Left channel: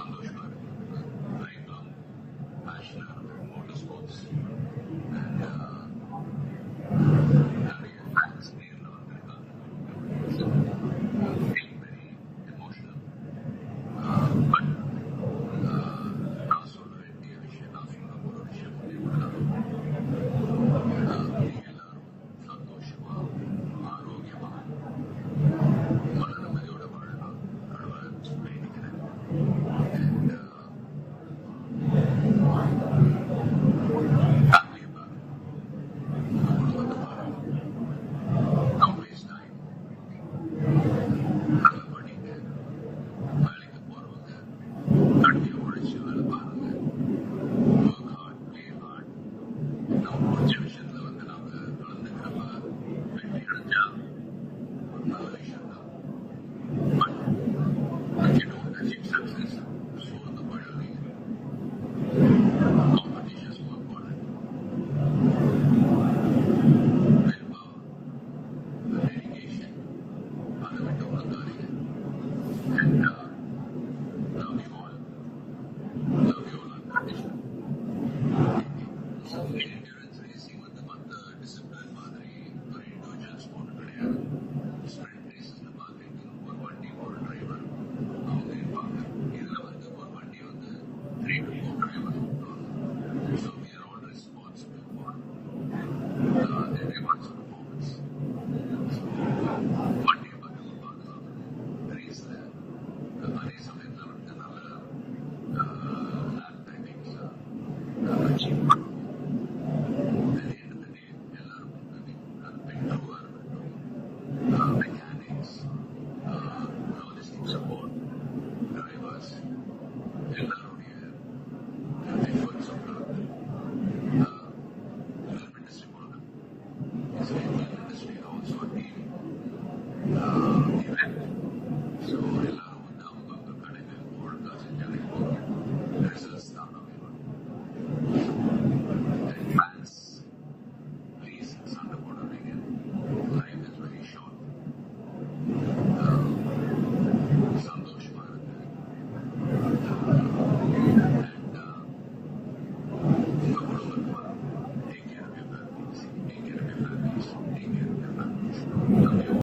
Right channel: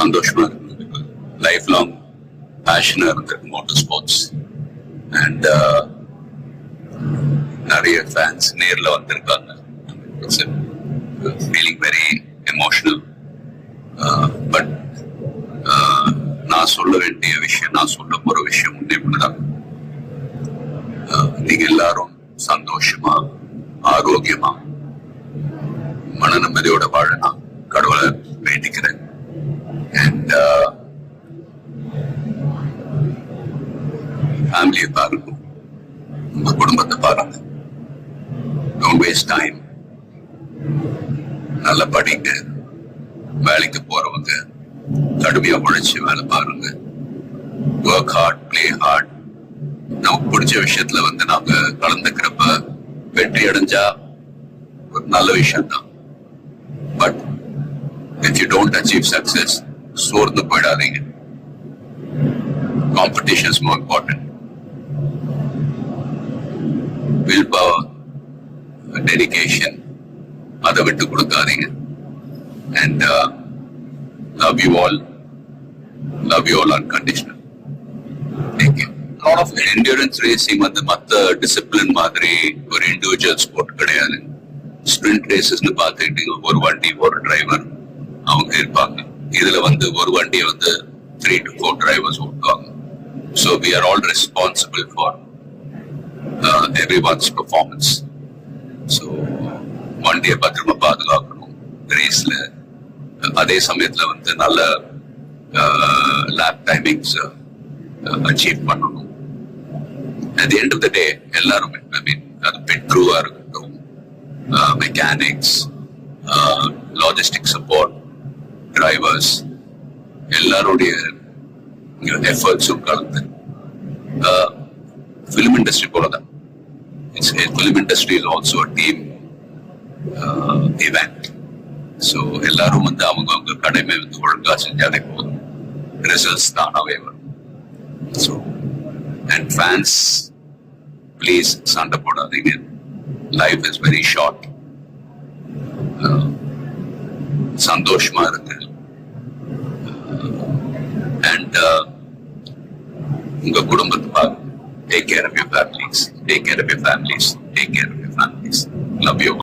சந்தோஷமா இருக்கு. Life long பேஷனா இருக்கு மோட்டார் ஸ்போர்ட்ஸ். அண்ட் நிறைய ஃபேன்ஸ் நேர்ல வந்திருக்காங்க. Feeling very emotional. பட் நான் சொல்ல வேண்டிய விஷயம், நான் சொல்ல போற விஷயம் இப்படிதான். நீங்க எல்லாரும் சந்தோஷமா, ஆரோக்கியமா, மன நிம்மதியோட வாழணும் கடவுளை வேண்டிக்கிறேன். அண்ட் ஃபேமிலியை பாருங்க, உங்க குடும்பத்தை பாருங்க. Don't waste time. நல்லா படிங்க. வேலைக்கு போறவங்க கடுமையா உழைச்சு வேலை பாருங்க. Work hard, play hard. நமக்கு பிடிச்ச விஷயத்துல நாங்க கலந்துக்கிறப்ப வெற்றி அடைஞ்சா ஒரு நல்ல விஷயம் தான். But if you don't achieve success, சோர்ந்து போயிடாதீங்க. Competition is more important. Willpower, dedication, அதை விட்டு கொடுக்காதீங்க. And love you all unconditional. Thank you. Lot of endurance racing மத்த டிசிப்ளின் மாதிரி ஒரு இண்டிவிஜுவல் ஸ்போர்ட் கிடையாது. ஸ்பிரிண்ட் ரேசஸ்னு பார்த்துக்கிட்டீங்க, ஒரு வண்டி ஒரு டிரைவர் அவங்க இருப்பாங்க. இதுல ஒரு வண்டியை 3 to 4 drivers ஓட்டுவாங்க. So we are all responsible for everyone's performance. So வண்டியை பத்திரமா பாதுகாக்கணும் ரேஸ்ல. அதே சமயத்துல நல்ல லேப் டைமிங்ஸ் அச்சீவ் பண்ணணும். At the end of the day எல்லாரும் அது பிட் க்ரூவா இருக்கட்டும், மெக்கானிக்ஸ், லாஜிஸ்டிக் சப்போர்ட், டிரைவர்ஸ், எல்லாருடைய எஃபர்ட்ஸும் கலந்து ஃபிலிம் இண்டஸ்ட்ரி போலதான். Film industry is also a team event. So எல்லாரும் அவங்க கடமை ஒழுங்கா செஞ்சாலே போதும், ரிசல்ட்ஸ் தானாவே வரும். ஸோ அண்ட் ஃபேன்ஸ், ப்ளீஸ் சண்டை போடாதீங்க. Life is very short. சந்தோஷமா இருக்கு. அண்ட் உங்க குடும்பத்தை பாருங்க. Take care of your families. Take care of your families. Take care of your families. Love you.